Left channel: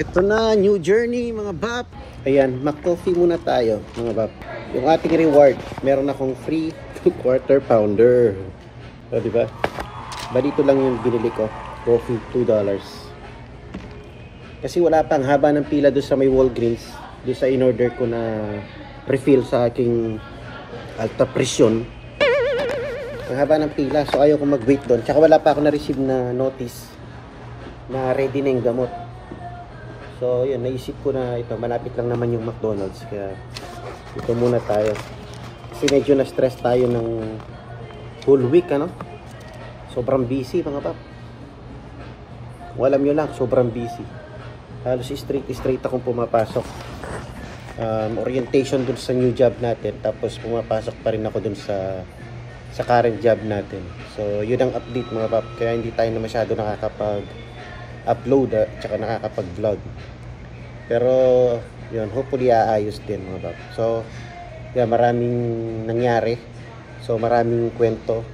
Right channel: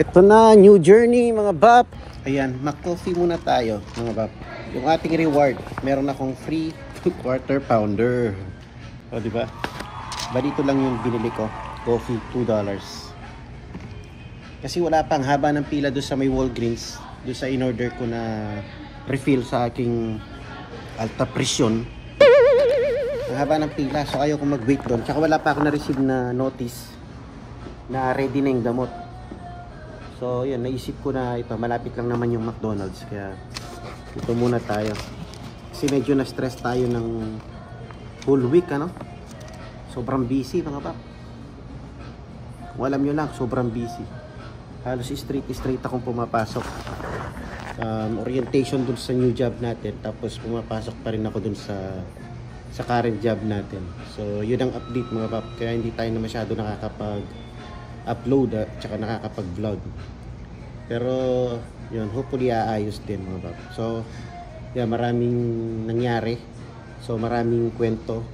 Ito na, new journey mga bap. Ayan, mag-coffee muna tayo mga bap. Yung ating reward, meron akong free quarter pounder. O, diba? Ba dito lang yung binili ko. Coffee, $2. Kasi wala pang haba ng pila doon sa may Walgreens. Doon sa in-order ko na refill sa aking alta presyon. Ang haba ng pila. So ayaw ko mag-wait doon. Tsaka wala pa ako na-receive na notice na ready na yung gamot. So yun, naisip ko na ito. Malapit lang naman yung McDonald's. Kaya ito muna tayo. Kasi medyo na-stress tayo ng whole week, ano? Sobrang busy mga pap. Kung alam nyo lang, sobrang busy. Halos straight akong pumapasok. Orientation dun sa new job natin. Tapos pumapasok pa rin ako dun sa current job natin. So yun ang update mga pap. Kaya hindi tayo na masyado nakakapag-upload at saka nakakapag-vlog. Pero yun, hopefully aayos din mga pap. So yeah, maraming nangyari. So maraming kwento.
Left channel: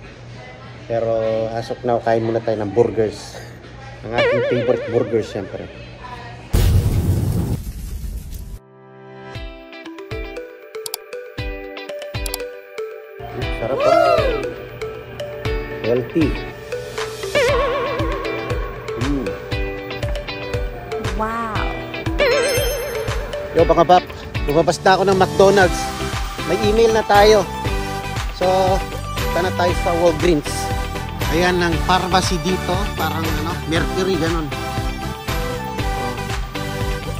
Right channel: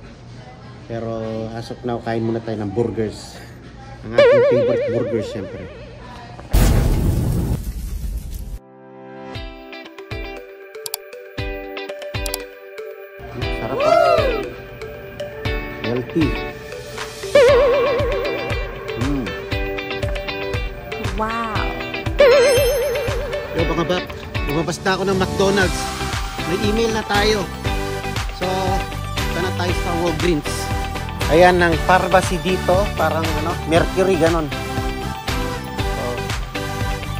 Pero as of now, kain muna tayo ng burgers. Ang ating favorite burgers syempre. Sarap pa. Healthy. Wow. Yo mga bap, lumabas na ako ng McDonald's. May email na tayo. So, punta na tayo sa Walgreens. Ayan ang pharmacy dito, parang ano, Mercury ganon. So,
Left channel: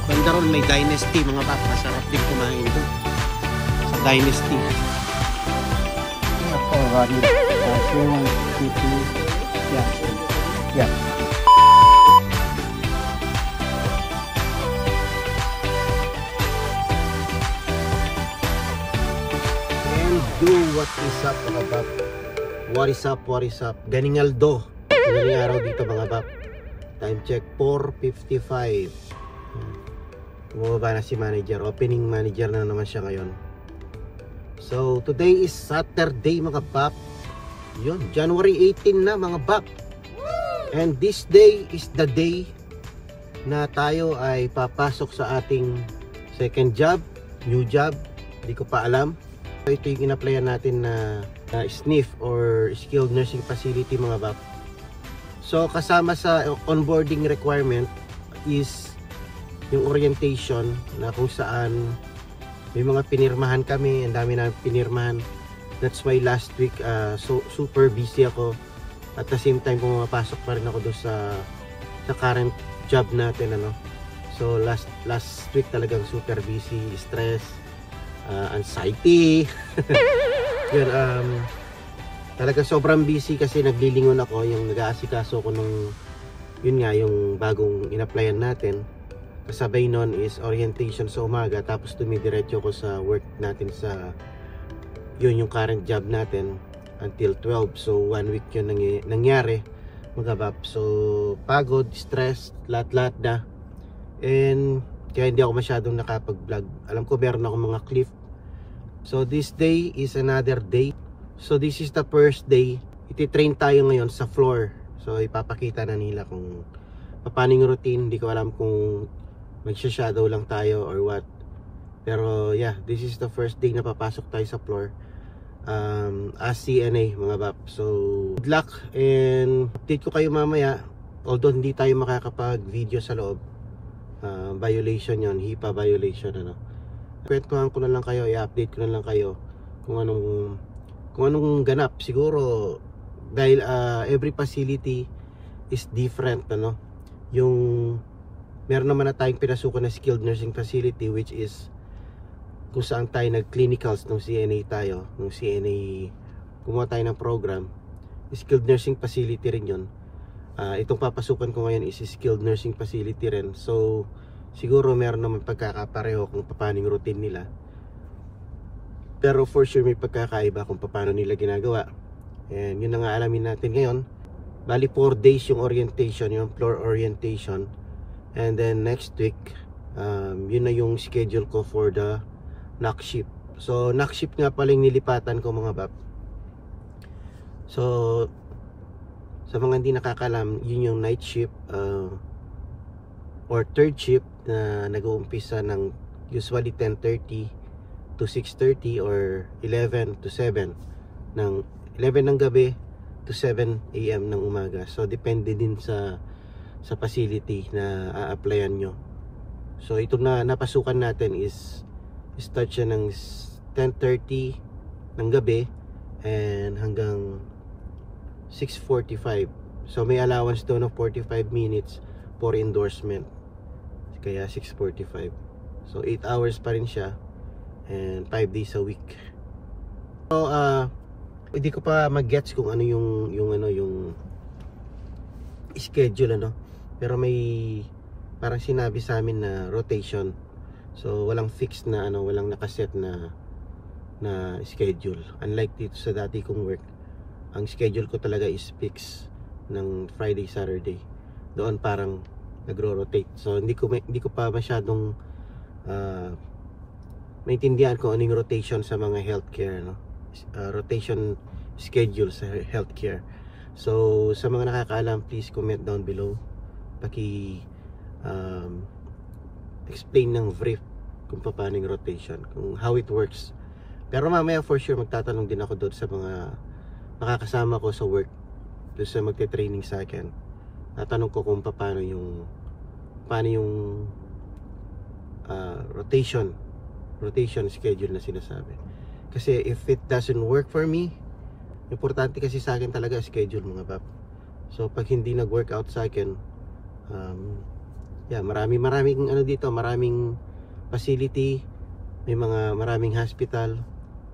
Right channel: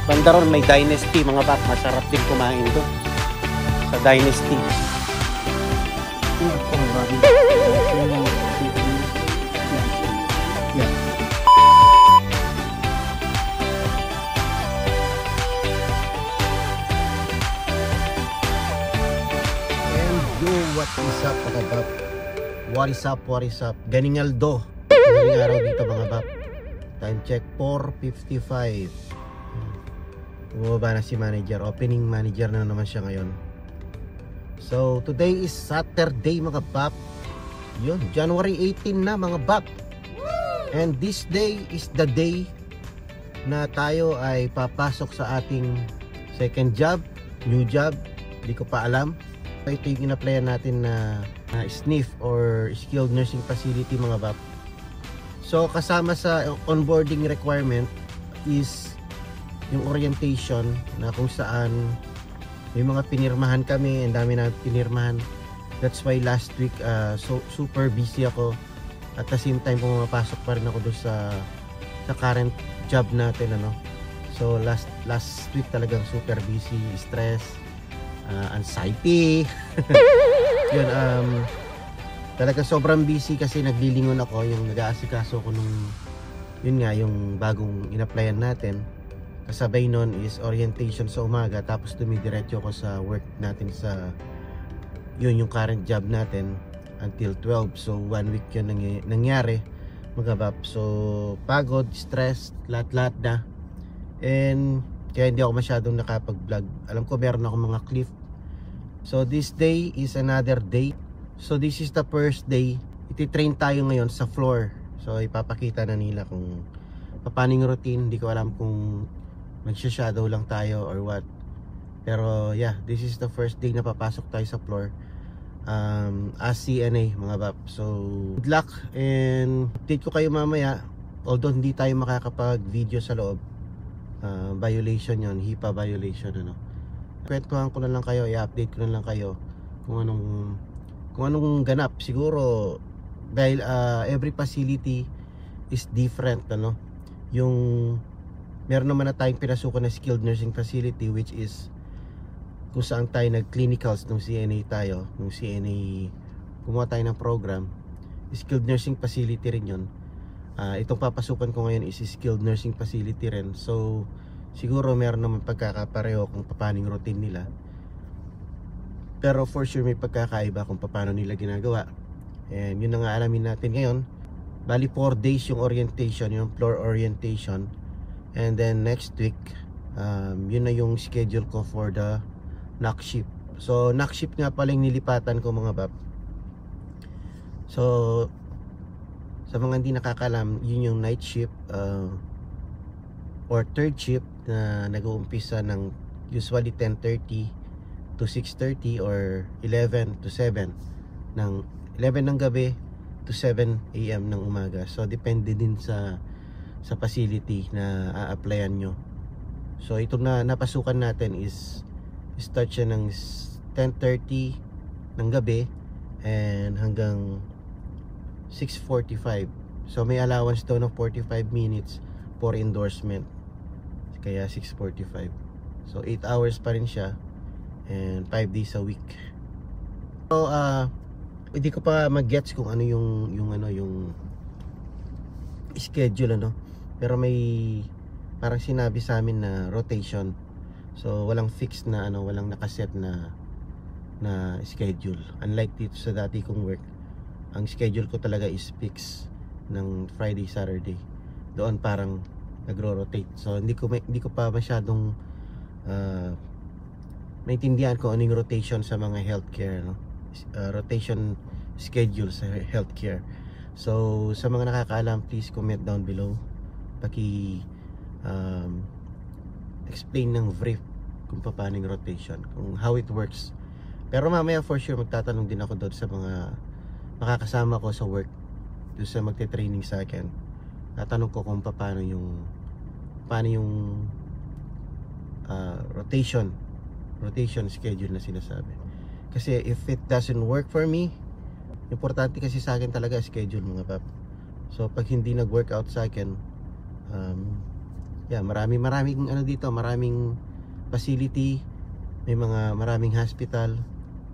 banda ron may Dynasty mga bap, masarap din kumain doon sa Dynasty. Yeah. And yo, what is up mga bap? What is up? Ganingaldo. Ganing araw dito mga bap. Time check 4:55. Bumaba na si manager. Opening manager na naman siya ngayon. So today is Saturday mga bap. Yun, January 18 na mga bap. And this day is the day na tayo ay papasok sa ating second job, new job. Hindi ko pa alam. Ito yung in-applyan natin na SNF or Skilled Nursing Facility mga bap. So kasama sa onboarding requirement is yung orientation na kung saan may mga pinirmahan kami. Ang dami na pinirmahan. That's why last week so super busy ako. At the same time pumapasok pa rin ako doon sa current job natin, ano. So last week talagang super busy, stress, anxiety. Yun, talaga sobrang busy kasi naglilingon ako. Yung nag-aasikaso ko nung yun nga, yung bagong in-applyan natin. Kasabay nun is orientation sa umaga, tapos dumidiretso ko sa work natin sa yun, yung current job natin until 12. So 1 week yun nangyari mga bap. So pagod, stress, lahat na. And kaya hindi ako masyadong nakapag-vlog. Alam ko meron ako mga clip. So this day is another day. So this is the first day. Iti-train tayo ngayon sa floor. So ipapakita na nila kung paano yung routine. Hindi ko alam kung magsha-shadow lang tayo or what. Pero yeah, this is the first day na papasok tayo sa floor as CNA mga bap. So good luck and update ko kayo mamaya. Although hindi tayo makakapag video sa loob, violation yon, HIPAA violation, ano. Kwentuhan ko na lang kayo, i-update ko na lang kayo kung anong ganap. Siguro dahil every facility is different, ano. Yung meron naman na tayong pinasukan na skilled nursing facility, which is kung saan tayo nag-clinicals nung CNA tayo, nung CNA gumawa tayo ng program. Skilled nursing facility rin yun. Itong papasukan ko ngayon is skilled nursing facility rin. So siguro meron naman pagkakapareho kung paano yung routine nila. Pero for sure may pagkakaiba kung paano nila ginagawa. And yun na nga alamin natin ngayon. Bali 4 days yung orientation, yung floor orientation. And then next week, yun na yung schedule ko for the knock shift. So knock shift nga pala yung nilipatan ko mga bab. So sa mga hindi nakakalam, yun yung night shift. or third shift na nag-uumpisa ng usually 10:30 to 6:30 or 11 to 7 ng 11 ng gabi to 7 AM ng umaga. So depende din sa facility na a-applyan nyo. So itong na napasukan natin is start siya ng 10:30 ng gabi and hanggang 6:45. So may allowance daw ng 45 minutes for endorsement. Kaya 6:45. So 8 hours pa rin siya and 5 days a week. So hindi ko pa mag-gets kung ano yung schedule ano. Pero may parang sinabi sa amin na rotation. So walang fixed na walang nakaset na schedule. Unlike dito sa dati kong work, ang schedule ko talaga is fixed ng Friday, Saturday. Doon parang nagro-rotate. So hindi ko pa masyadong maintindihan kung anong rotation sa mga healthcare, no? Rotation schedule sa healthcare. So sa mga nakakaalam, please comment down below. Explain ng brief kung paano yung rotation, kung how it works. Pero mamaya for sure magtatanong din ako doon sa mga makakasama ko sa work, doon sa magte-training sa akin. Tatanong ko kung paano yung rotation schedule na sinasabi. Kasi if it doesn't work for me, importante kasi sa akin talaga schedule, mga pap. So pag hindi nag-workout sa akin, maraming dito, maraming facility, may maraming hospital,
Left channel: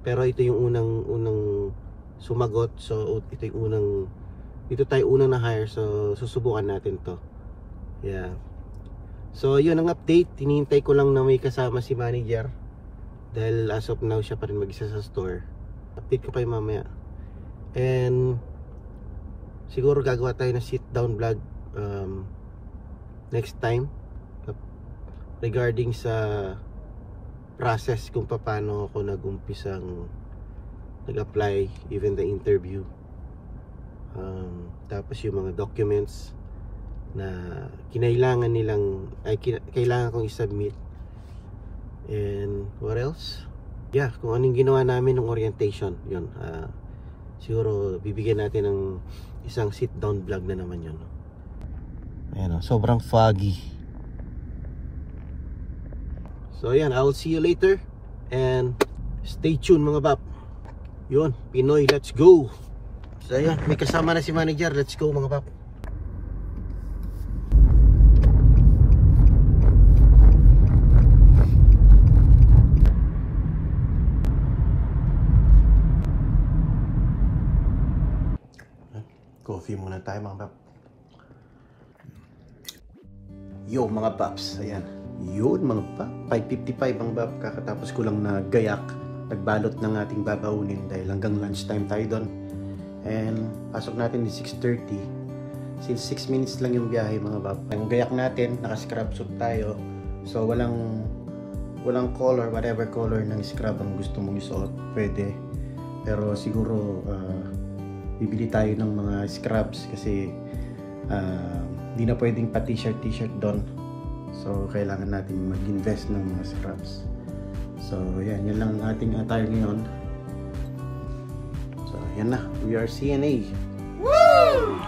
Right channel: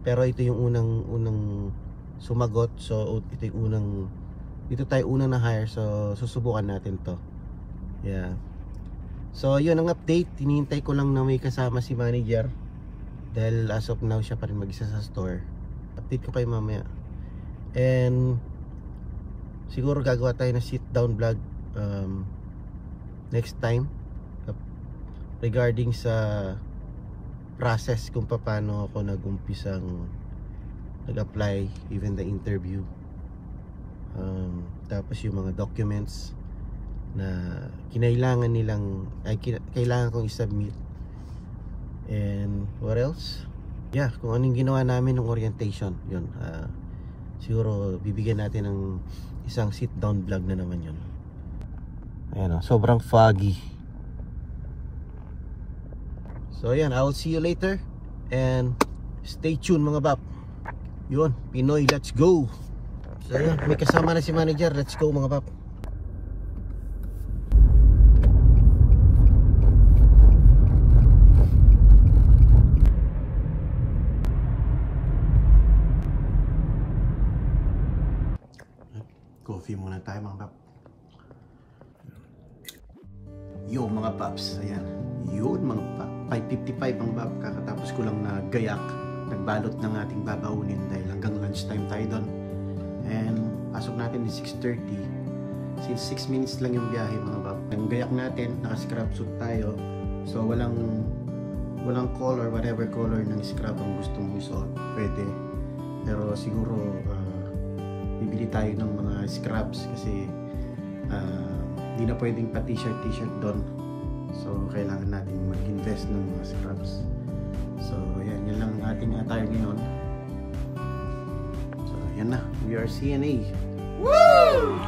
pero ito yung unang sumagot. So dito tayo unang na hire, so susubukan natin to. So yun ang update. Hinihintay ko lang na may kasama si manager, dahil as of now siya pa rin mag-isa sa store. Update ko pa yung mamaya. And siguro gagawa tayo ng sit down vlog next time regarding sa process kung paano ako nag-umpisang nag-apply, even the interview, tapos yung mga documents na kailangan kong i-submit, and what else, kung anong ginawa namin ng orientation. Yun, siguro bibigyan natin ng isang sit down vlog na naman yun. Ayan, sobrang foggy. So ayan, I will see you later and stay tuned, mga bab. Yun, Pinoy, let's go. So ayan, may kasama na si manager. Let's go, mga bab. Coffee muna tayo, mga bab. Yo, mga paps, ayan. Yun, mga pap, 5:55 mga bab. Kakatapos ko lang na gayak, nagbalot ng ating babaunin dahil hanggang lunchtime tayo doon. And pasok natin is 6:30. Since 6 minutes lang yung biyahe, mga bab. Ang gayak natin, naka-scrub suit tayo. So walang color, whatever color ng scrub ang gusto mong isuot, pwede. Pero siguro bibili tayo ng mga scrubs kasi di na pwedeng pa t-shirt doon. So kailangan natin mag-invest ng mga scrubs. So yan lang ang ating attire ngayon. So yan na, we are CNA. Woo!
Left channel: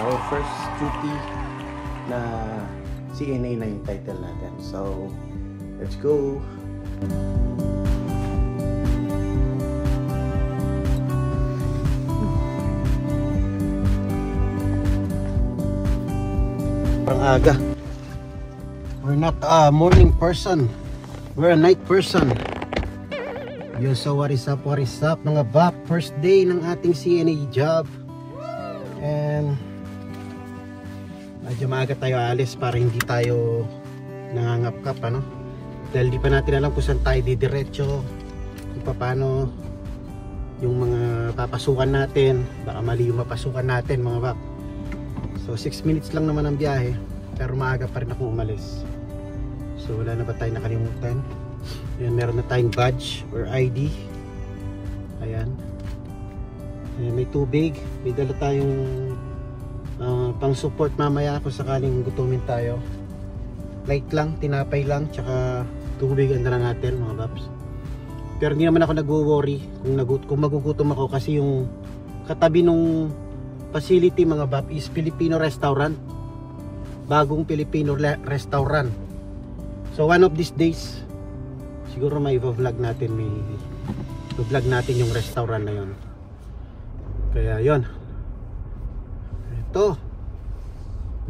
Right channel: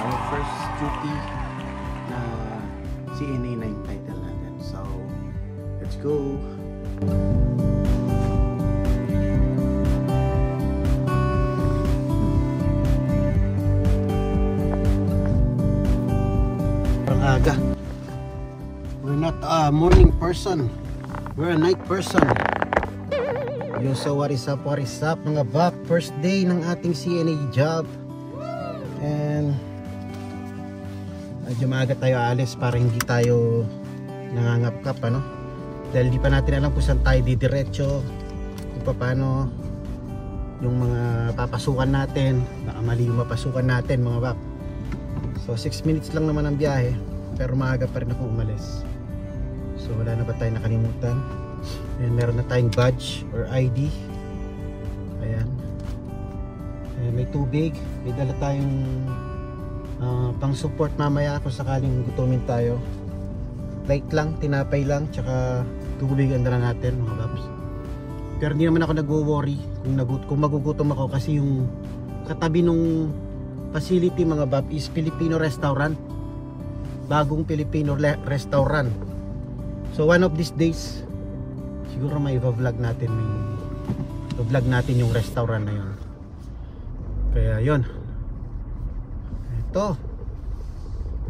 Our first duty na CNA na yung title natin. So let's go. Aga. We're not a morning person. We're a night person. Yo, so what is up mga bak? First day ng ating CNA job. And medyo maaga tayo alis para hindi tayo nangangap-kap, ano? Dahil di pa natin alam kung saan tayo didiretso, kung paano yung mga papasukan natin. Baka mali yung mapasukan natin, mga bak. So 6 minutes lang naman ang biyahe, pero maaga pa rin ako umalis. So wala na ba tayong nakalimutan? Ayan, meron na tayong badge or ID. Ayan. Ayan, may tubig. May dala tayong pang support mamaya kung sakaling gutumin tayo. light lang, tinapay lang, tsaka tubig ang dala natin mga paps. Pero hindi naman ako nagwo-worry kung magugutom ako, kasi yung katabi nung facility mga paps is Filipino restaurant, bagong Filipino restaurant. So one of these days siguro may vlog natin, vlog natin yung restaurant na yon. Kaya yon, ito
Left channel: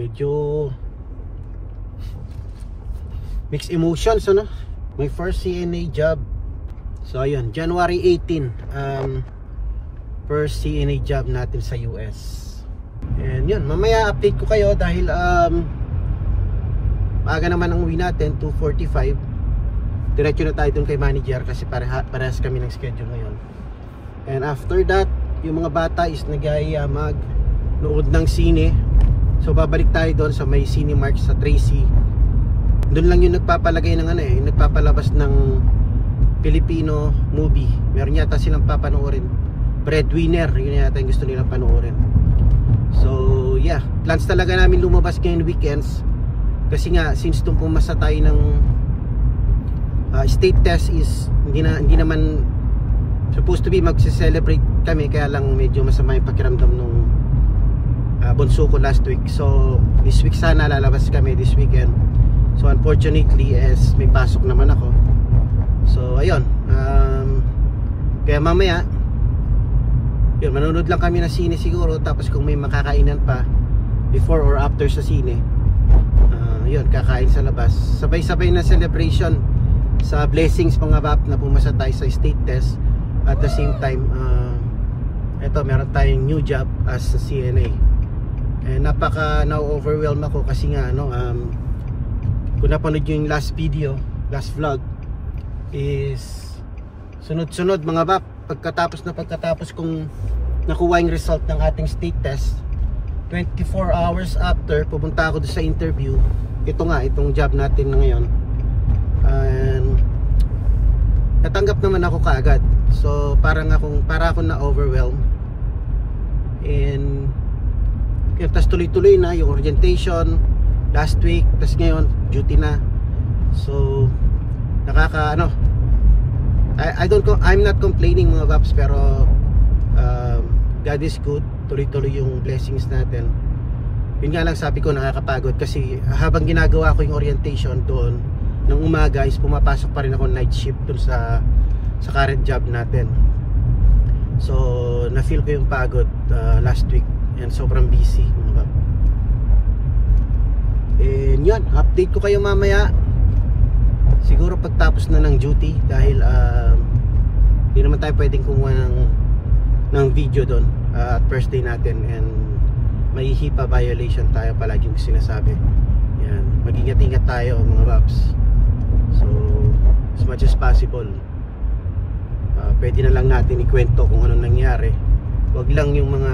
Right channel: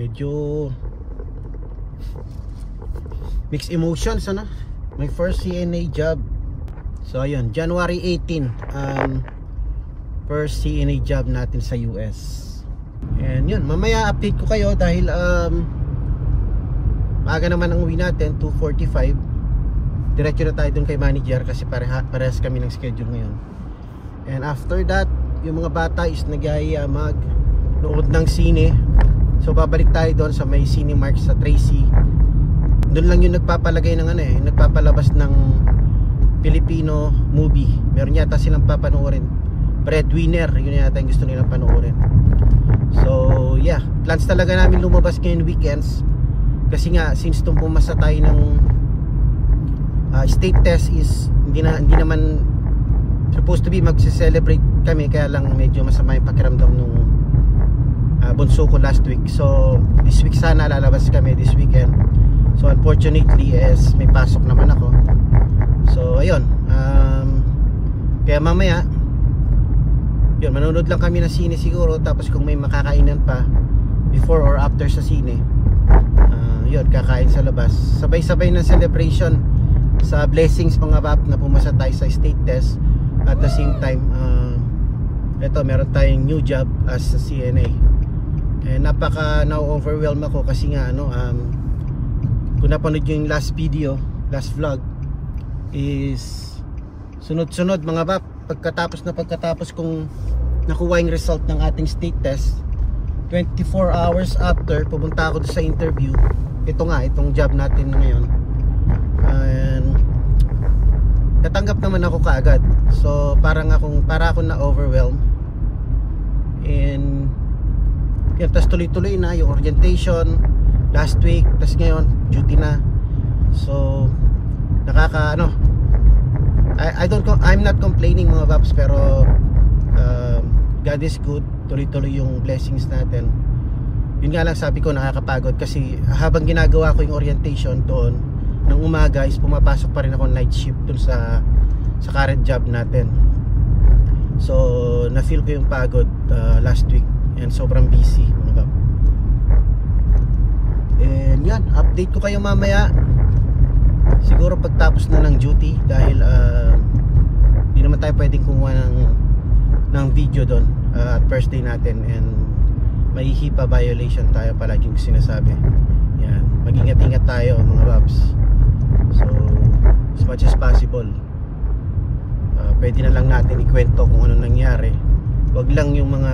medyo mixed emotions, ano, my first CNA job. So ayun, January 18, first CNA job natin sa US. And yun, mamaya update ko kayo dahil maaga naman ang uwi natin, 2:45. Diretso na tayo dun kay manager kasi parehas kami ng schedule ngayon. And after that, yung mga bata is nag-aaya mag-nood ng sine. So babalik tayo doon sa may Cinemark sa Tracy. Doon lang yung nagpapalagay ng yung nagpapalabas ng Filipino movie. Meron yata silang papanoorin, Breadwinner, yun yata yung gusto nilang panoorin. So yeah, plans talaga namin lumabas ngayon weekends. Kasi nga, since itong pumasa tayo ng state test is hindi naman supposed to be magse-celebrate kami, kaya lang medyo masama yung pakiramdam nung bunso ko last week. So this week sana lalabas kami, this weekend. So unfortunately may pasok naman ako. So ayun, kaya mamaya yun, manonood lang kami ng sine siguro, tapos kung may makakainan pa before or after sa sine, yun, kakain sa labas. Sabay-sabay na celebration sa blessings mga pap na pumasa tayo sa state test. At the same time, eto, meron tayong new job as a CNA. And napaka na-overwhelm ako kasi nga kung napanood yung last video, last vlog, is sunod-sunod mga pap, pagkatapos kung nakuha yung result ng ating state test, 24 hours after, pumunta ako doon sa interview. Itong job natin na ngayon, and natanggap naman ako kaagad. So para akong na-overwhelm. And yun, tas tuloy-tuloy na yung orientation last week, tas ngayon duty na. So I'm not complaining mga paps, pero God is good, tuloy-tuloy yung blessings natin. Yun nga lang, sabi ko nakakapagod kasi habang ginagawa ko yung orientation doon ng umaga is pumapasok pa rin ako night shift doon sa current job natin. So na-feel ko yung pagod last week and sobrang busy mga bab. And yun, update ko kayo mamaya siguro pagtapos na ng duty, dahil di naman tayo pwedeng kumuha ng video doon at first day natin, and may HIPAA violation tayo palagi yung sinasabi. Yan, mag-ingat-ingat tayo mga babs. So as much as possible, pwede na lang natin ikwento kung ano nangyari. Wag lang yung mga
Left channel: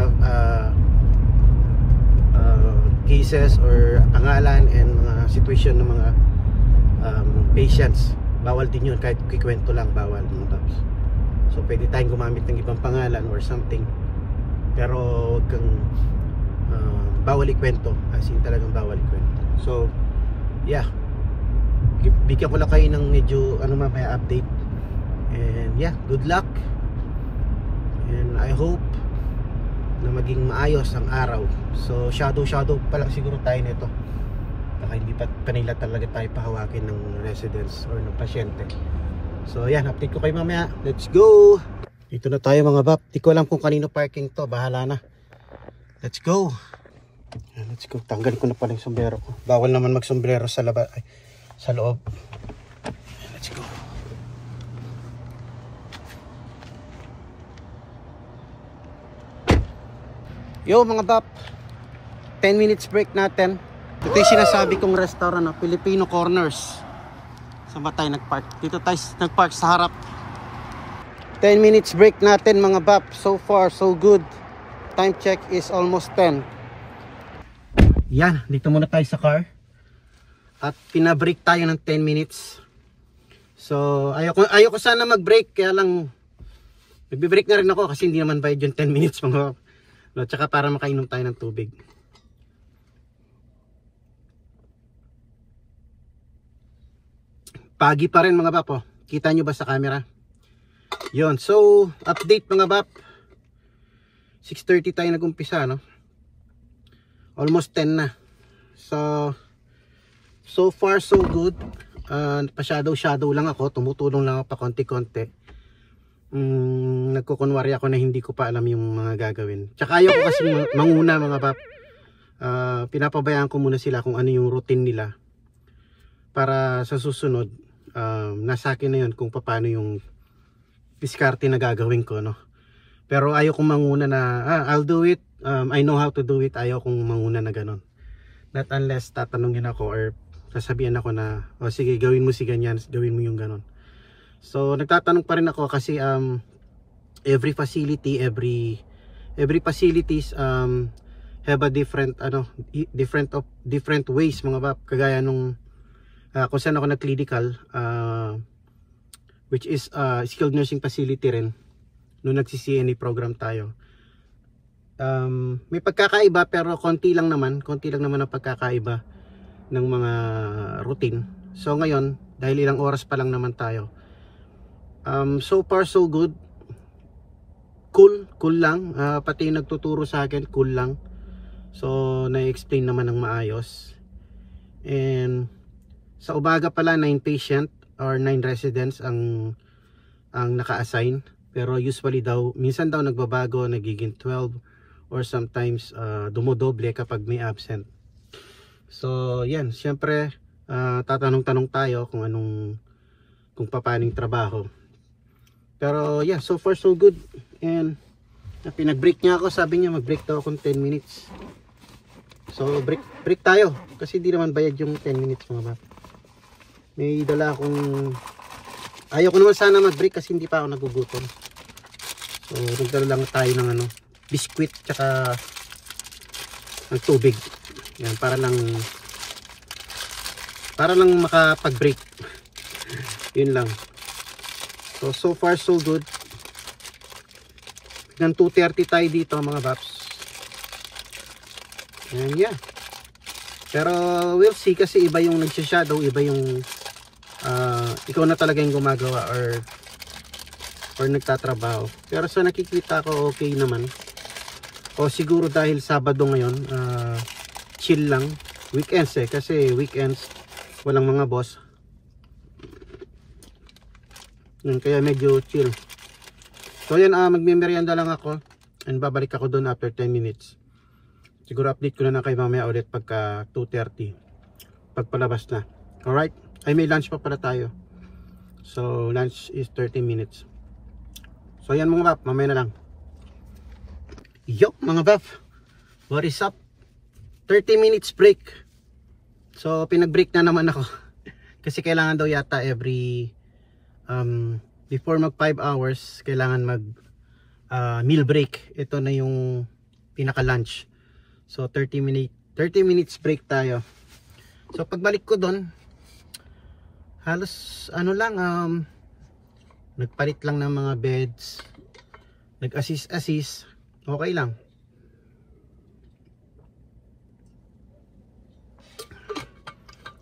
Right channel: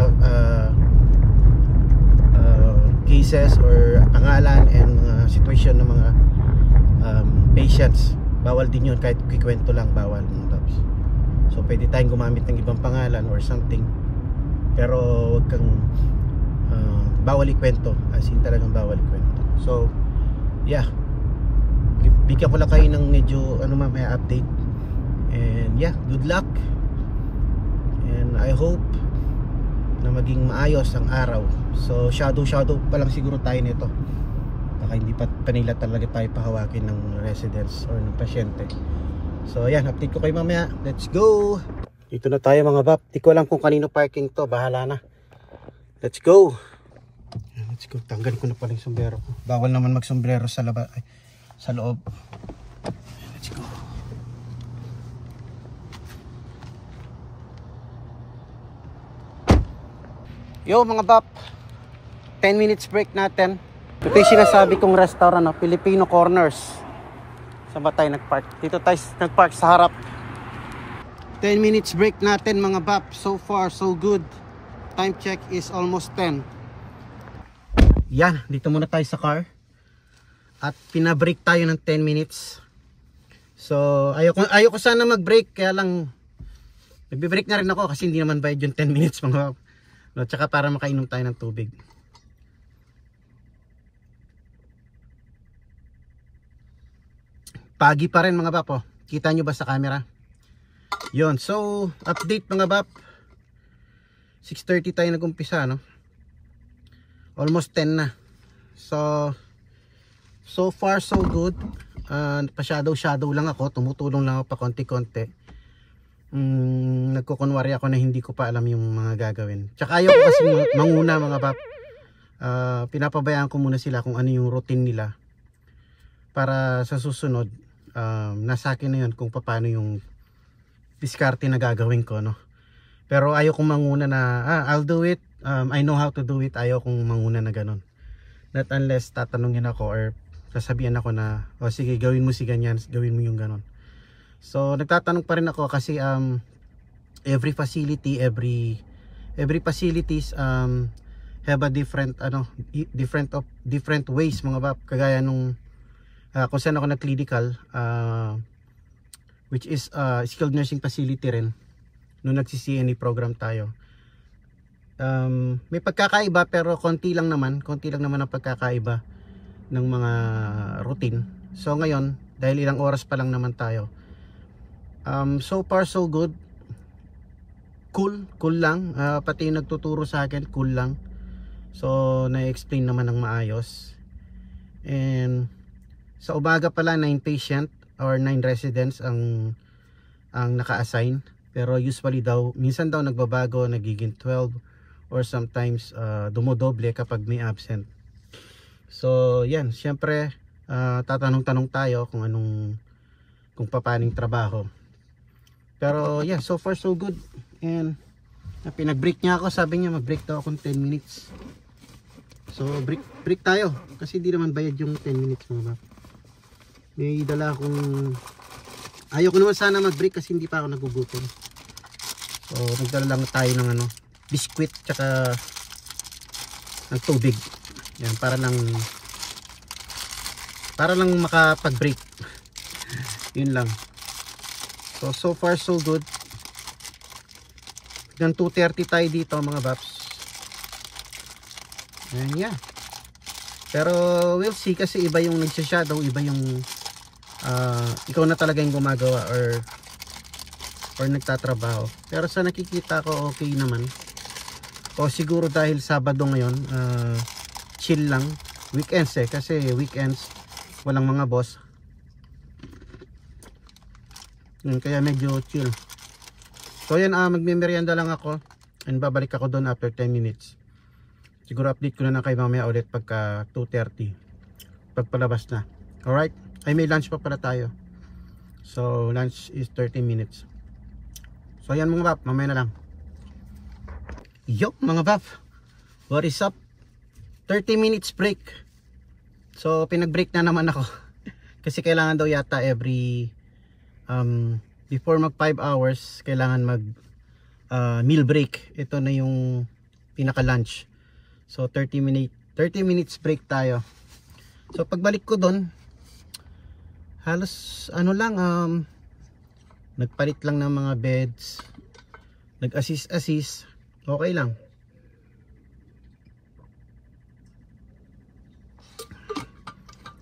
cases or pangalan and mga situation ng mga patients. Bawal din yun, kahit kikwento lang bawal mga babs. So pwede tayong gumamit ng ibang pangalan or something, pero wag kang bawal ikwento, as in talagang bawal ikwento. So yeah, bigyan ko lang kayo ng medyo may update. And yeah, good luck, and I hope na maging maayos ang araw. So shadow pa lang siguro tayo nito, baka hindi pa nila talaga tayo pahawakin ng residents or ng pasyente. So yan, update ko kayo mamaya. Let's go. Dito na tayo mga bab. Di ko alam kung kanino parking to, bahala na. Let's go. Yan, let's go. Tanggalin ko na pala yung sombrero ko. Bawal naman mag-sombrero sa labas, sa loob. Yan, let's go. Yo mga bab, 10 minutes break natin. Ito yung sinasabi kong restaurant, Filipino Corners. Saan ba tayo nagpark? Dito tayo nagpark sa harap. 10 minutes break natin mga bab. So far so good. Time check is almost 10. Yan, dito muna tayo sa car. At pinabreak tayo ng 10 minutes. So ayoko sana mag-break, kaya lang nagbe-break na rin ako kasi hindi naman bayad yung 10 minutes mga bab. No, tsaka para makainom tayo ng tubig. Pagi pa rin mga bap, oh. Kita nyo ba sa camera? Yun, so update mga bap. 6:30 tayo nag-umpisa, no? Almost 10 na. So far so good. Pa-shadow lang ako, tumutulong lang ako pa konti-konti. Nagkukunwari ako na hindi ko pa alam yung mga gagawin. Tsaka ayaw ko kasi manguna mga bap. Pinapabayaan ko muna sila kung ano yung routine nila. Para sa susunod, nasa akin na yun kung paano yung diskarte na gagawin ko, no? Pero ayaw kong manguna na I'll do it, I know how to do it. Ayaw kong manguna na ganon. Not unless tatanungin ako or sasabihan ako na sige gawin mo si ganyan, gawin mo yung ganon. So nagtatanong pa rin ako kasi every facility, every facilities have a different different ways mga bap. Kagaya nung kung saan ako nag-clinical, which is skilled nursing facility rin nung nagsi-CNA program tayo. May pagkakaiba pero konti lang naman ang pagkakaiba ng mga routine. So ngayon, dahil ilang oras pa lang naman tayo, so far so good. Cool lang. Pati yung nagtuturo sa akin, cool lang. So na-explain naman ng maayos. And sa umaga pala 9 patient or 9 residents ang naka-assign, pero usually daw minsan daw nagbabago, nagiging 12 or sometimes dumodoble kapag may absent. So yan, syempre tatanong-tanong tayo kung paano yung trabaho. Pero yeah, so far so good. And pinag-break niya ako, sabi niya mag-break daw akong 10 minutes. So break tayo kasi hindi naman bayad yung 10 minutes mga bata. May dala akong, ayaw ko naman sana mag-break kasi hindi pa ako nagugutom. So nagdala lang tayo ng biskwit tsaka ng tubig. Yan, para lang makapag-break. Yun lang. So far so good. Hanggang 2:30 tayo dito mga baps. And yeah. Pero we'll see kasi iba yung nagsha-shadow, iba yung ikaw na talaga yung gumagawa or nagtatrabaho. Pero sa nakikita ko okay naman. O siguro dahil Sabado ngayon, chill lang. Weekends kasi weekends walang mga boss. Yun, kaya medyo chill. So yan, magme-merienda lang ako and babalik ako doon after 10 minutes. Siguro update ko na lang kayo mamaya ulit pagka 2:30 pagpalabas na. Alright? Ay may lunch pa pala tayo. So lunch is 30 minutes. So yan mga bap, mamaya na lang. Yo mga bap, what is up? 30 minutes break. So pinag-break na naman ako. Kasi kailangan daw yata every before mag 5 hours kailangan mag meal break. Ito na yung pinaka lunch. So 30 minutes break tayo. So pagbalik ko doon, halos nagpalit lang ng mga beds, nag-assist, okay lang.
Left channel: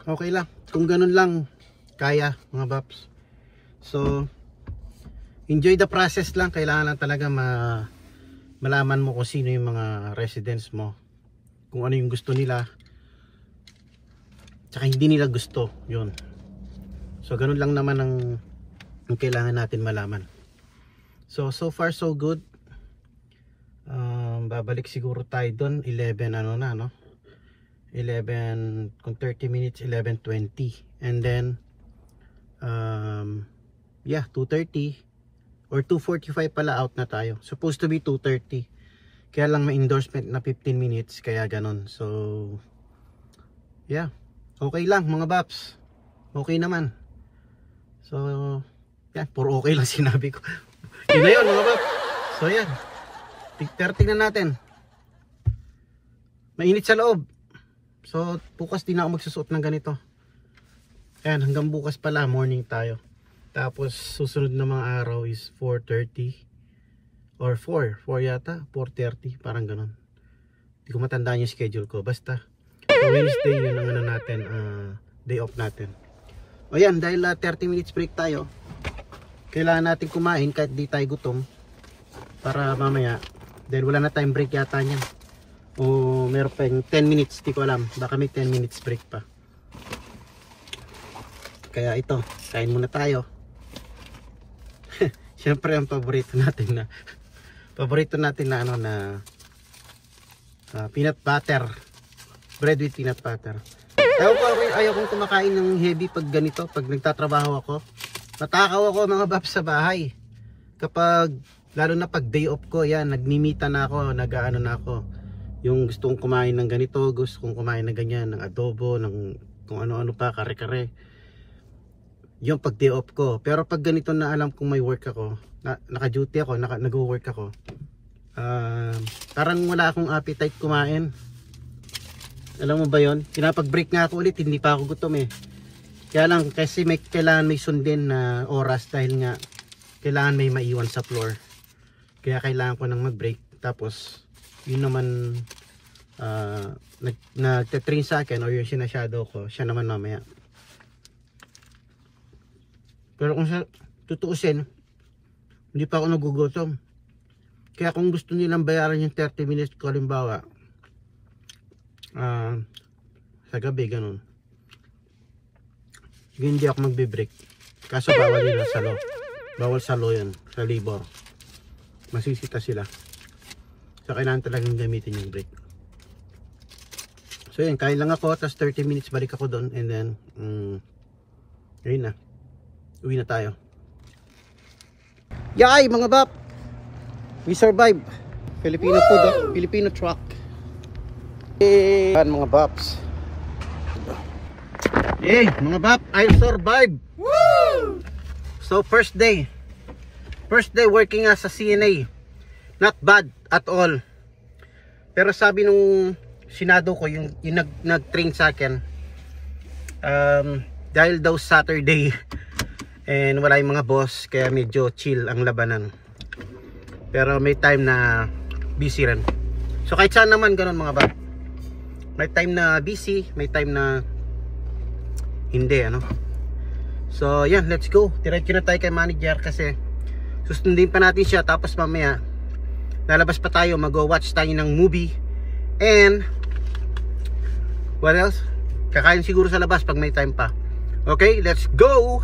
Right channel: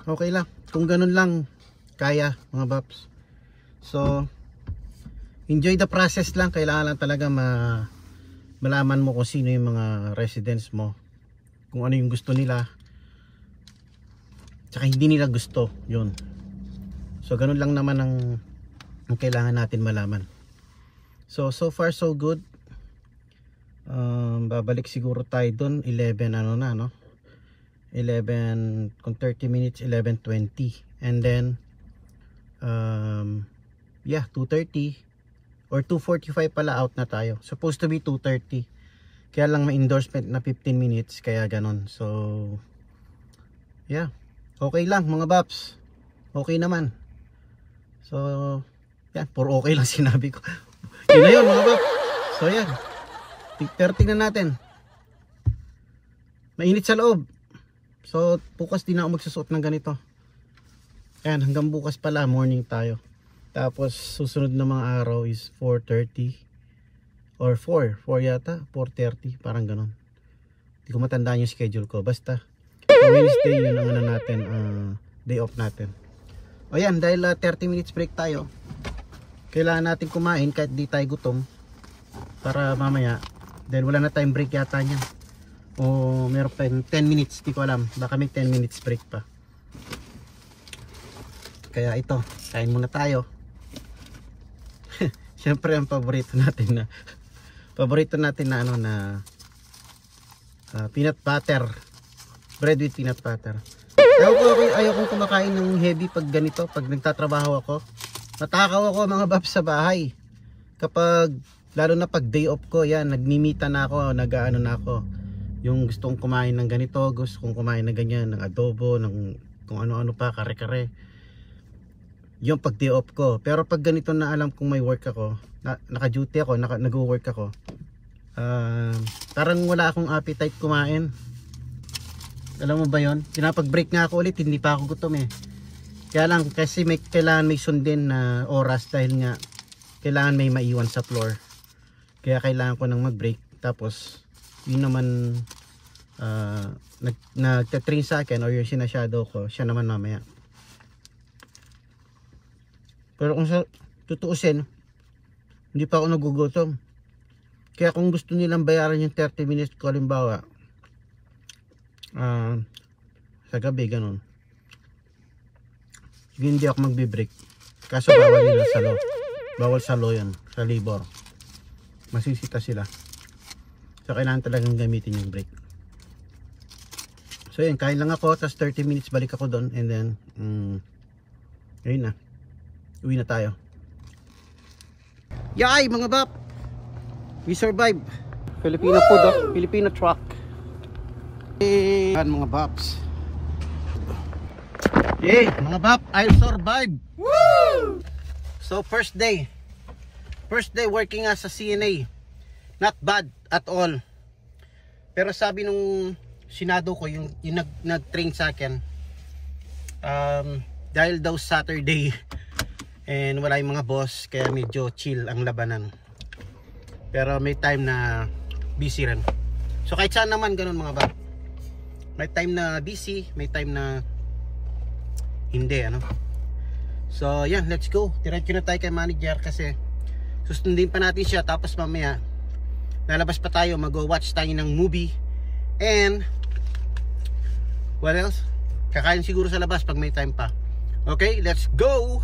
Okay lang, kung ganun lang kaya mga baps. So enjoy the process lang. Kailangan lang talaga malaman mo kung sino yung mga residents mo, kung ano yung gusto nila tsaka hindi nila gusto, yun. So ganun lang naman ang kailangan natin malaman. So far so good. Babalik siguro tayo doon 11 no? 11 kung 30 minutes 11:20 and then yeah 2:30 or 2:45 pala out na tayo. Supposed to be 2:30. Kaya lang may endorsement na 15 minutes kaya ganon. So yeah, okay lang mga baps. Okay naman. So yeah, puro okay lang sinabi ko. Yun na yun mga baps. So yeah, 30 na natin. Mainit sa loob. So bukas din ako magsusuot ng ganito. Ayan, hanggang bukas pala morning tayo. Tapos susunod na mga araw is 4:30 or 4 yata, 4:30 parang ganon. Hindi ko matandaan yung schedule ko. Basta Wednesday yun ang natin, day off natin. O yan, dahil 30 minutes break tayo, kailangan natin kumain kahit di tayo gutom. Para mamaya, dahil wala na tayong break yata niyan. O meron pa yung 10 minutes, di ko alam. Baka may 10 minutes break pa. Kaya ito, kain muna tayo. Siyempre ang paborito natin na ano na peanut butter. Bread with peanut butter. Ayaw kong kumakain ng heavy pag ganito, pag nagtatrabaho ako. Matakaw ako mga baps sa bahay. Kapag, lalo na pag day off ko, yan, nagmimita na ako, nag-ano na ako. Yung gusto kong kumain ng ganito, gusto kong kumain ng ganyan, ng adobo, ng kung ano-ano pa, kare-kare. Yung pag day off ko. Pero pag ganito na alam kong may work ako, naka-duty ako, nag-work ako, parang wala akong appetite kumain. Alam mo ba yun? Pinapag-break nga ako ulit, hindi pa ako gutom eh. Kaya lang, kasi kailangan may sundin na oras dahil nga kailangan may maiwan sa floor. Kaya kailangan ko nang mag-break. Tapos, yun naman nagtatrain sa akin or yung sinashadow ko, siya naman mamaya. Pero kung sa tutuusin, hindi pa ako nagugutom. Kaya kung gusto nilang bayaran yung 30 minutes ko, halimbawa sa gabi, ganun, hindi ako magbe-break. Kaso bawal nila sa law. Bawal sa law yun, sa labor. Masisita sila. So kailangan talagang gamitin yung break. So yun, kain lang ako, tapos 30 minutes balik ako doon, and then ayun na, uwi na tayo. Yay mga bap, we survive. Filipino food, Filipino truck. Yan mga baps. Yay mga bap, I survive. Woo! So first day working as a CNA. Not bad at all. Pero sabi nung sinado ko, yung nag-train sa akin, dahil daw Saturday and wala yung mga boss, kaya medyo chill ang labanan. Pero may time na busy rin. So kahit saan naman ganun mga bap. May time na busy, may time na hindi, ano. So yan, let's go. Diretso na tayo kay manager kasi susundin pa natin siya, tapos mamaya lalabas pa tayo, mag-watch tayo ng movie. And what else? Kakain siguro sa labas pag may time pa. Okay, let's go.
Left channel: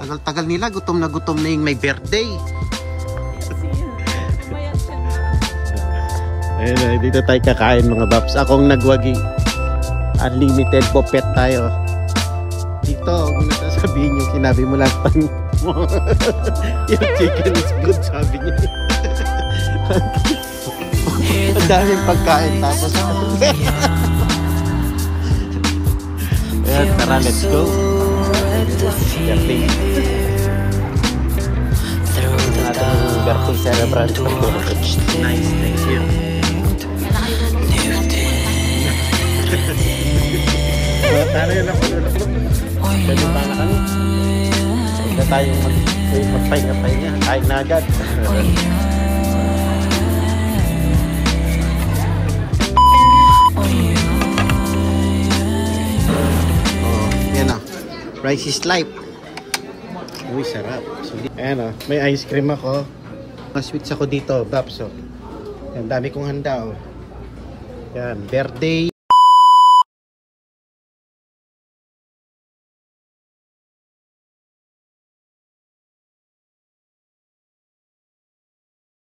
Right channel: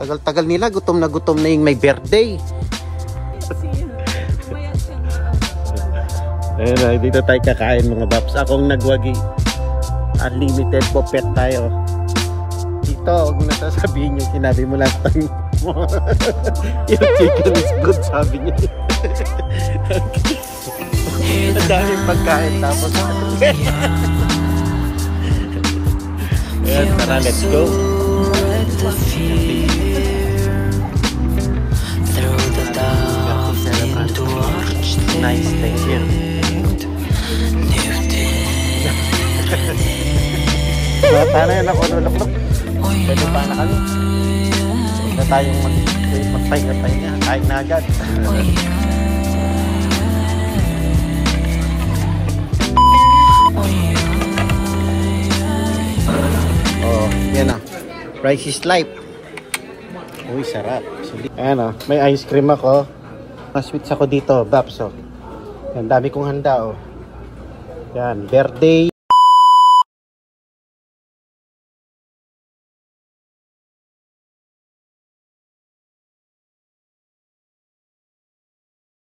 Tagal-tagal nila, gutom na yung may birthday. Ayun, dito tayo kakain mga baps. Akong nagwagi. Unlimited popet tayo. Dito, kung nasasabihin yung sinabi mo last time mo. Yung chicken is good, sabi niya. Ang daming pagkain tapos ayan, tara, let's go. Nice, thank you. Sana yun ako nulaklok. Pwede pa na kami. Huwag na tayong magpahinga-pahinga. Kain na agad. Rice is life. Uy, sarap. So, ayan o, may ice cream ako. Mas sweets ako dito, Babs. Yan, dami kong handa o. Yan, birthday